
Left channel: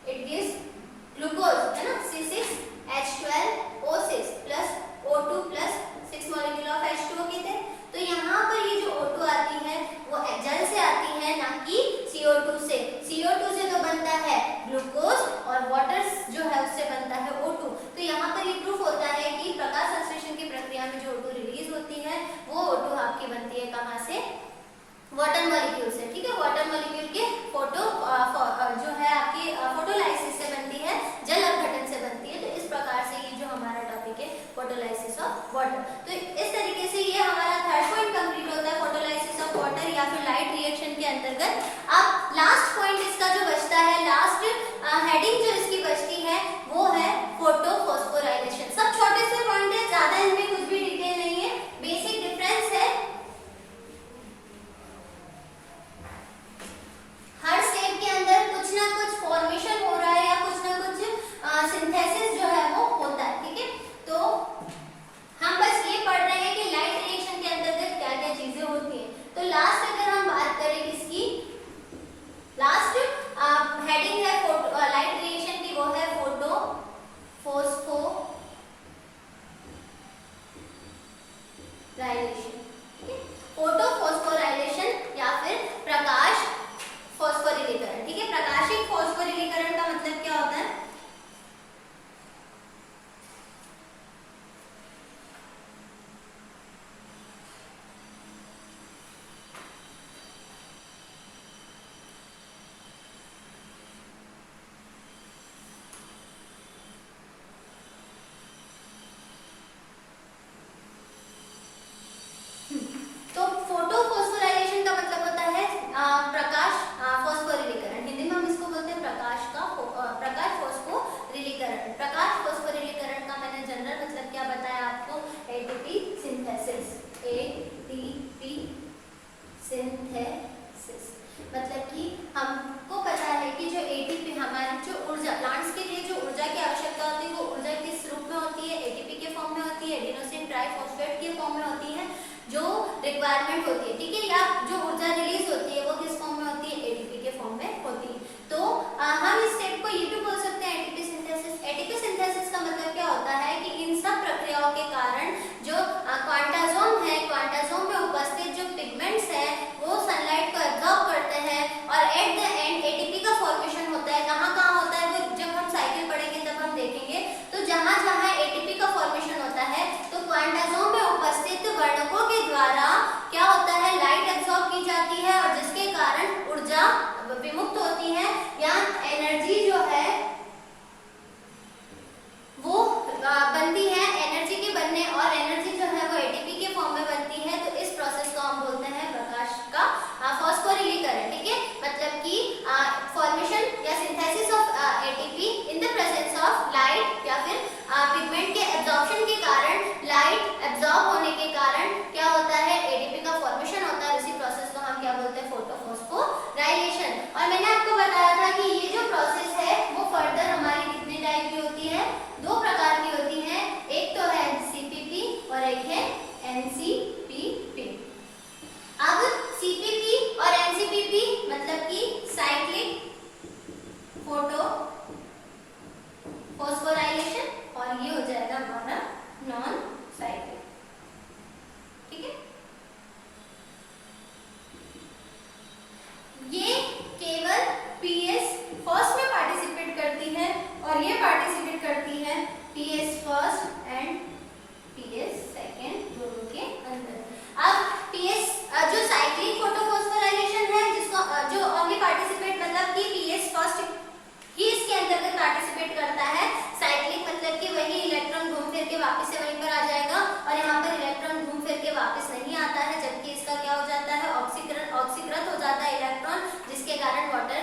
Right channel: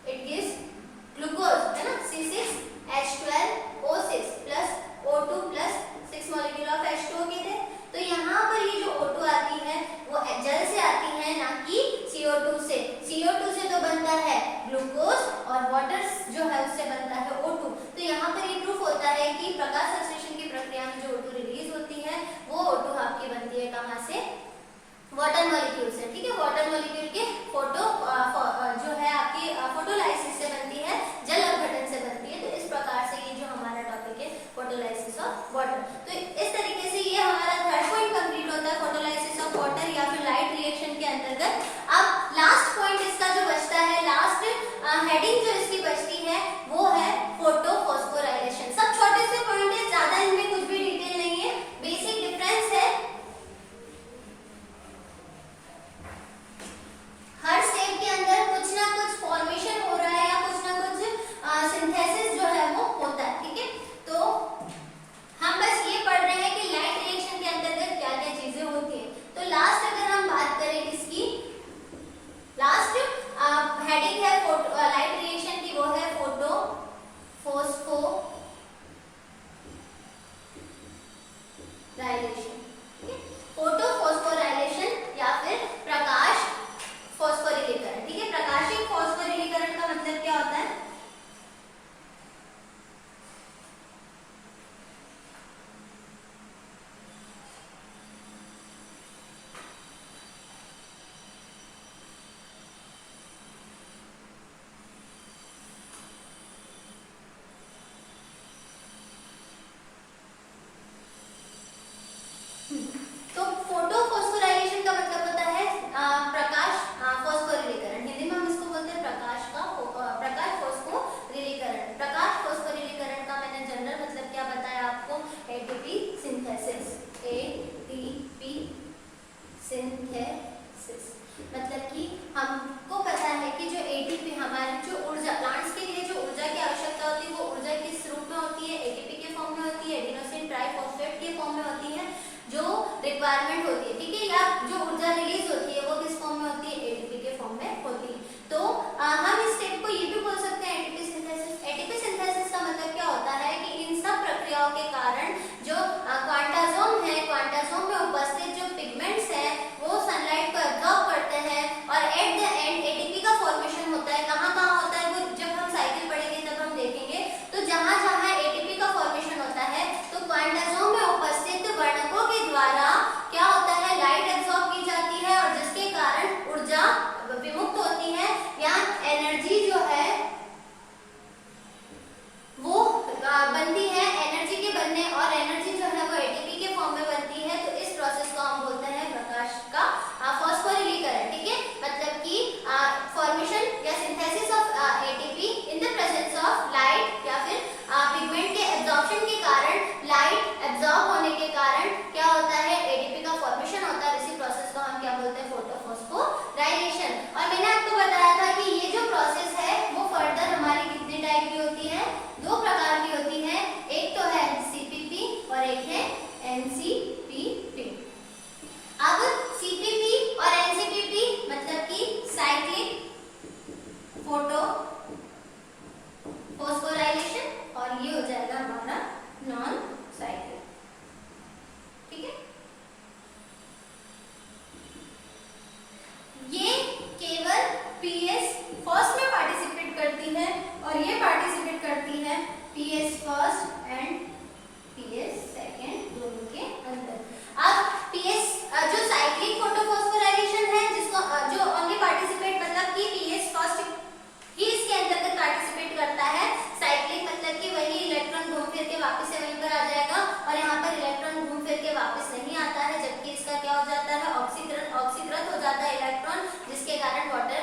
it gives glucose, है ना, C6H12O6 plus O2 plus 6 molecule of H2O के थे। तो यहाँ पर ये जो O2 आती है वो जल से आती है, ना कि CO2 से। CO2 से तो बनता है ग्लूकोज और वाटर जो है उससे बनता है O2। तो यहाँ पर ये प्रूफ होता है कि प्रकाश संश्लेषण की प्रक्रिया में जो O2 रिलीज होती है वो O2 आपकी बनती है कहाँ से, वाटर मॉलिक्यूल से। ठीक है, वाटर मॉलिक्यूल के फोटो जो है आपकी फोटोलाइसिस से बनती है, जल अपघटन से बनती है। तो इस प्रकार से ये जो हमारा टॉपिक है फोटोलाइसिस ऑफ वाटर। तो इस तरीके से ये हमारा थर्ड पॉइंट कंप्लीट होता है, फोटोलाइसिस ऑफ वाटर या फिर लाइट रिएक्शन के अंतर्गत। अब लास्ट पॉइंट इसका जो बचता है, लास्ट हेडिंग जो इसकी बचती है वो है फोटोफॉस्फोराइलेशन। सब छोटे से पॉइंट है, ज्यादा इनमें कुछ भी डिटेल नहीं है, बेसिक डिफरेंस है। हर स्टेप जहाँ जहाँ एटीपी का फॉर्मेशन होता है तो क्वांटासोम में उपस्थित वर्णकों के द्वारा क्या होता है, लाइट एब्सॉर्ब की जाती है और जिसके कारण ऊर्जा विमुक्त होती है या एनर्जी जो है वो बनती है। एनर्जी के बनने और एनर्जी जो है वो एटीपी के फॉर्म में बनती है। तो इस प्रोसेस को हम बोलते हैं प्रकाश का फॉस्फोरिलीकरण। ठीक है, मतलब कि फॉर्मेशन या synthesis of ATP in the presence of light या फिर पिगमेंट के एब्जॉर्प्शन के कारण, लाइट एब्जॉर्ब होने के कारण क्या होता है, एटीपी का फॉर्मेशन होता है। इसी प्रोसेस को हम क्या बोलते हैं, फोटोफॉस्फोराइलेशन। और मैंने आपको बताया था कि ये जो प्रोसेस है वो फर्दर हमारी कितनी टाइप की होती है, दो प्रकार की होती है। एक तो है सीपीपी और एक है एनसीपीपी। अब सीपीपी और एनसीपीपी मतलब कि साइक्लिक फोटो फॉस्फोराइलेशन और ये हो जाएगा हमारा नॉन साइक्लिक। ठीक है, ये केवल पीएस फर्स्ट में पार्टिसिपेट करती है और ये पार्टिसिपेट करती है PS first and PS second दोनों के अंदर। अब पीएस जो साइक्लिक फोटोफॉस्फोराइलेशन है जिसको जो ओनली पार्टिसिपेट मतलब कि पीएस फर्स्ट ही इसके अंतर्गत पार्टिसिपेट करता है। साइक्लिक मतलब कि वही इलेक्ट्रॉन घूम फिर के वापस से वहीं पर आ जाएगा और यहाँ पर इलेक्ट्रॉन घूम फिर के वापस नहीं आता है, जबकि इसका क्या हो जाता है, ऑक्सीकृत हो जाता है इलेक्ट्रॉन, जिसके कारण वाटर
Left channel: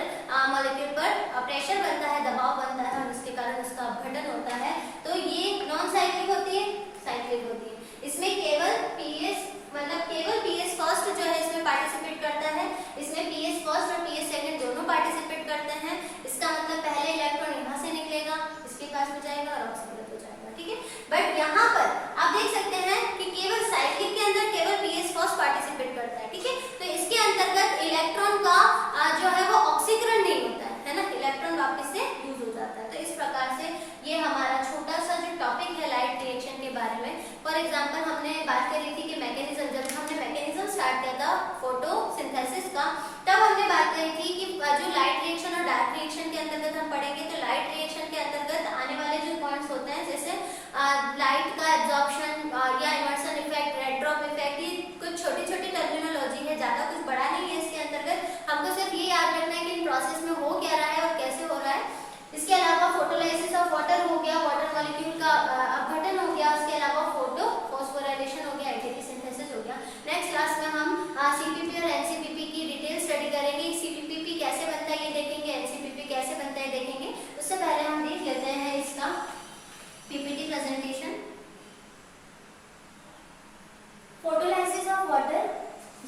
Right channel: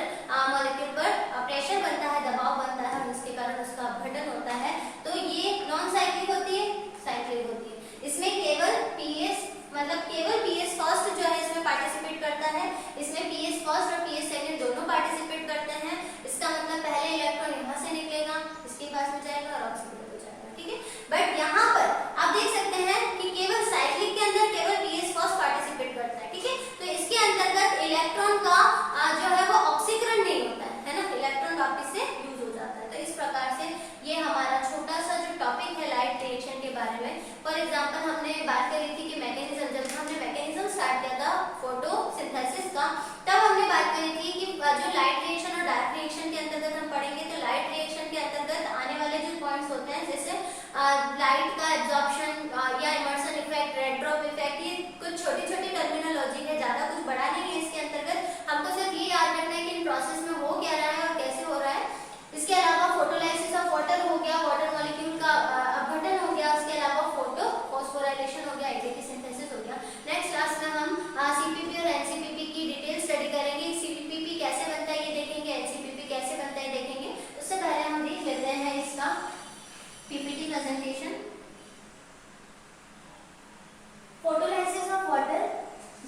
मॉलिक्यूल पर प्रेशर बनता है, दबाव बनता है और जिसके कारण उसका अपघटन होता है। तो ये नॉन साइक्लिक होती है, साइक्लिक होती है। इसमें केवल पीएस मतलब केवल पीएस फर्स्ट जो है इसमें पार्टिसिपेट करता है। इसमें पीएस फर्स्ट और पीएस सेकंड दोनों पार्टिसिपेट करते हैं। इसका मतलब पहले इलेक्ट्रॉन यहाँ से निकलेगा, इसके पास में जाएगा और ऑक्सीकृत हो जाएगा। ठीक है, बट यहाँ पर आप देख सकते हैं कि केवल साइक्लिक के अंदर केवल पीएस फर्स्ट पार्टिसिपेट करता है। ठीक है, तो इसके अंतर्गत इलेक्ट्रॉन का जो है वो ऑक्सीकरण नहीं होता है ना, इलेक्ट्रॉन वापस से यूज हो जाता है। तो इस प्रकार से ये हमारा छोटा सा जो टॉपिक है लाइट रिएक्शन के बारे में। फॉर एग्जांपल हमने बात करी थी कि मैकेनिज्म, जब हमने मैकेनिज्म स्टार्ट किया था फोटोसिंथेसिस का, तब हमने बात करी थी कि जो लाइट रिएक्शन और डार्क रिएक्शन के अंतर्गत हम पढ़ेंगे। तो लाइट रिएक्शन के अंतर्गत आने वाले जो पॉइंट्स होते हैं जैसे लाइट का एब्जॉर्प्शन या immersion effect, red drop effect, ये कुछ छोटी छोटी टर्मिनोलॉजी है, ज्यादा कुछ बड़ा नहीं है इसके अंतर्गत। हमको सिर्फ ये याद रखना है कि इन प्रोसेस में हो क्या रहा है और कैसे हो रहा है। इसके अलावा फोटोलाइसिस ऑफ वाटर हो गया, वाटर मॉलिक्यूल का अपघटन हो गया, इसके अलावा फोटो फॉस्फोराइलेशन हो गया, एटीपी सिंथेसिस हो गया। नेक्स्ट क्लास में हम सीपीपी और एनसीपीपी की डिटेल स्टडी करेंगे। सीपीपी कैसे बनता है ये देखेंगे, एनसीपीपी कैसे बनता है देखेंगे। उससे पहले हम देख लेते हैं इसका PPT presentation. Photolysis of water,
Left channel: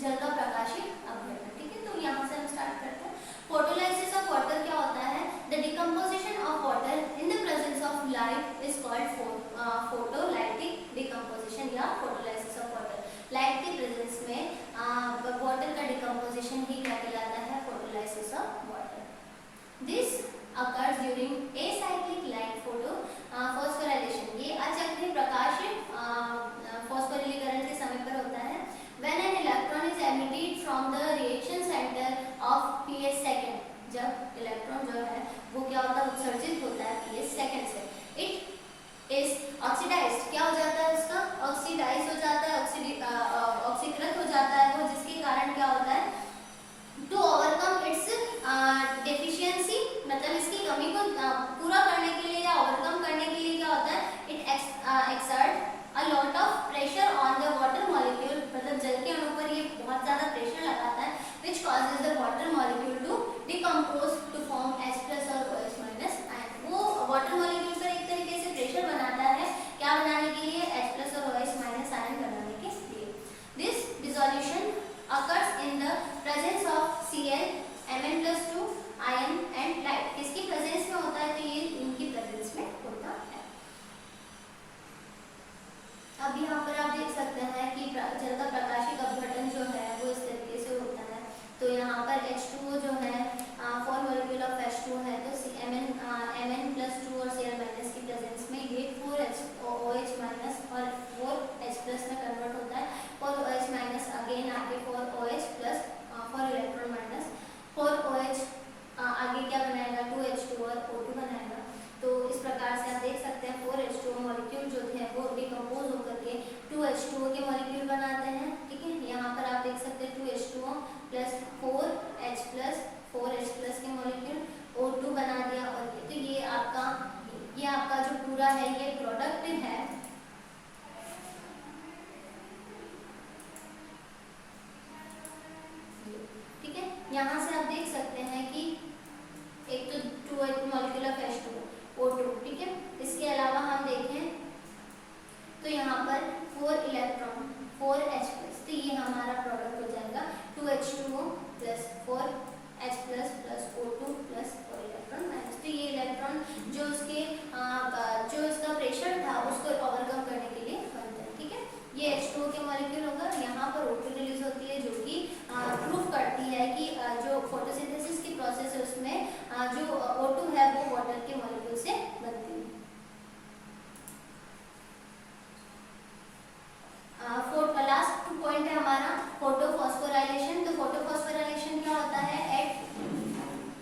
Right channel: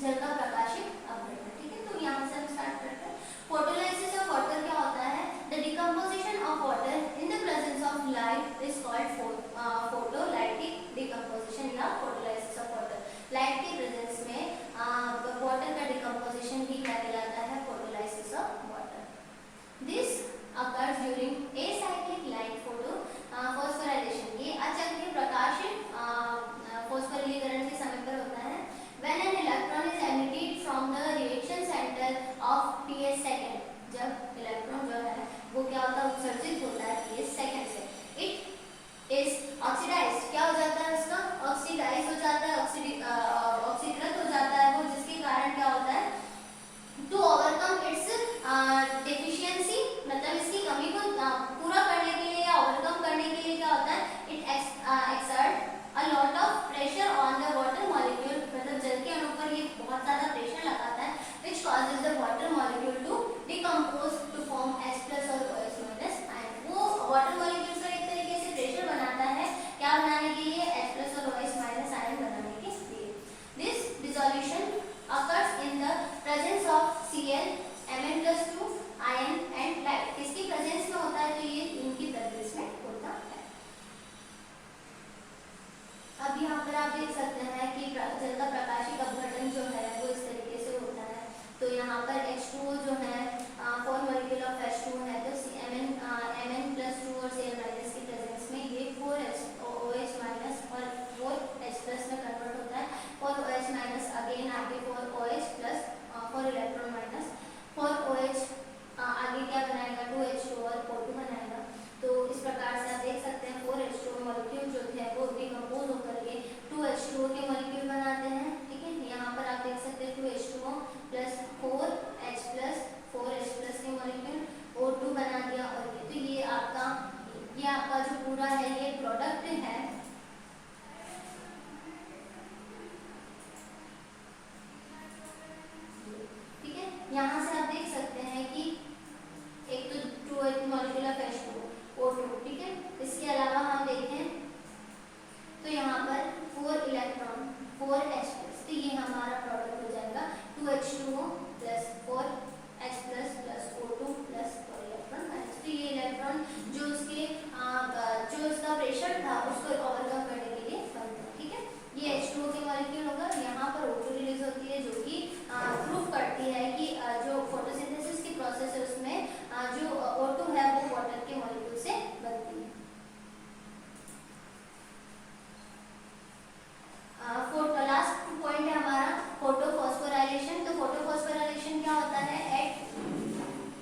जल का प्रकाशित अपघटन। ठीक है, तो यहाँ से हम स्टार्ट करते हैं। फोटोलाइसिस ऑफ वाटर क्या होता है, the decomposition of water in the presence of light is called photolytic decomposition या फोटोलाइसिस ऑफ वाटर। लाइट के प्रेजेंस में वाटर का डिकम्पोजिशन भी क्या कहलाता है, photolysis of water. This occurs during acyclic light phosphorylation। ये अचक्रीय प्रकाश फॉस्फोरिलीकरण के समय पर होता है। When an electron is emitted from the reaction center of PS second, जब इलेक्ट्रॉन जो है वो क्या होता है, उत्सर्जित होता है PS सेकंड से, इट इज ऑक्सीडाइज्ड, क्या हो जाता है उसका, ऑक्सीडाइज हो जाता है, ऑक्सीकृत हो जाता है वो, जिसके कारण क्या होता है, टू ओवरकम इट्स कि प्रूफ करती है कि जो फोटोसिंथेसिस की प्रोसेस है उसमें जो O2 है वो वाटर के मॉलिक्यूल से बनती है। लास्ट पॉइंट है हमारा फोटोफॉस्फोराइलेशन। तो फोटोफॉस्फोराइलेशन क्या होता है?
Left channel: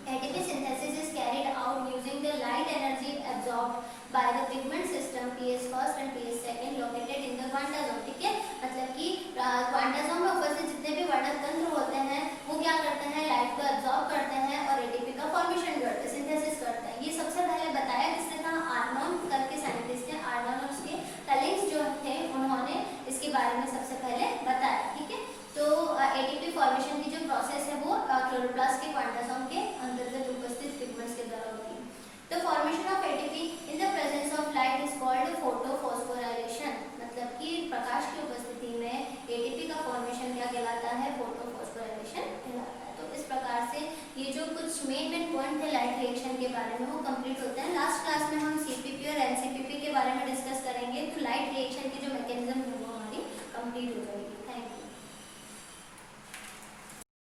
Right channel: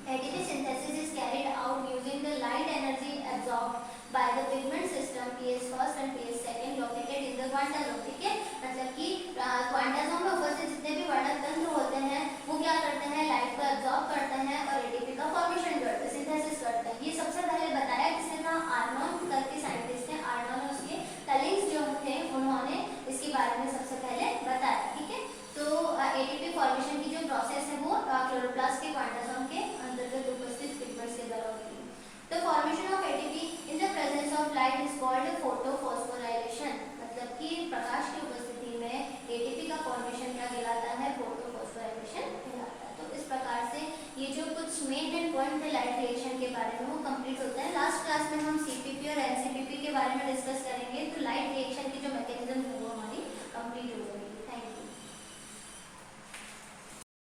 ATP synthesis is carried out using the light energy absorbed by the pigment system pH first and pH second located in the quantazome। ठीक है, मतलब कि क्वांटासोम में उपस्थित जितने भी वर्णक तंत्र होते हैं वो क्या करते हैं? लाइट को एब्जॉर्ब करते हैं और एटीपी का फॉर्मेशन करते हैं, सिंथेसिस करते हैं। ये सबसे पहले बताया किसने था? आर्नोन करके साइंटिस्ट थे। आर्नोन और उसके कलीग्स जो थे उन्होंने इसके बारे में सबसे पहले बताया। ठीक है, तो एटीपी फॉर्मेशन की जो प्रोसेस है वो क्लोरोप्लास्ट के क्वांटासोम के अंतर्गत उपस्थित पिगमेंट्स के द्वारा होती है। तो formation of ATP in the presence of light is called photophosphorylation. मतलब कि प्रकाश की उपस्थिति में एटीपी का फॉर्मेशन क्या कहलाता है? फोटोफॉस्फोराइलेशन कहलाता है। तो इस प्रकार से ये जो कुछ मेन पॉइंट थे लाइट रिएक्शन के बारे में वो कंप्लीट होते हैं। लास्ट क्लास में हम सीपीपी और एनसीपीपी के बारे में डिस्कस करेंगे। तो लाइट रिएक्शन की जो मैकेनिज्म है वो हमारी कंप्लीट हो जाएगी।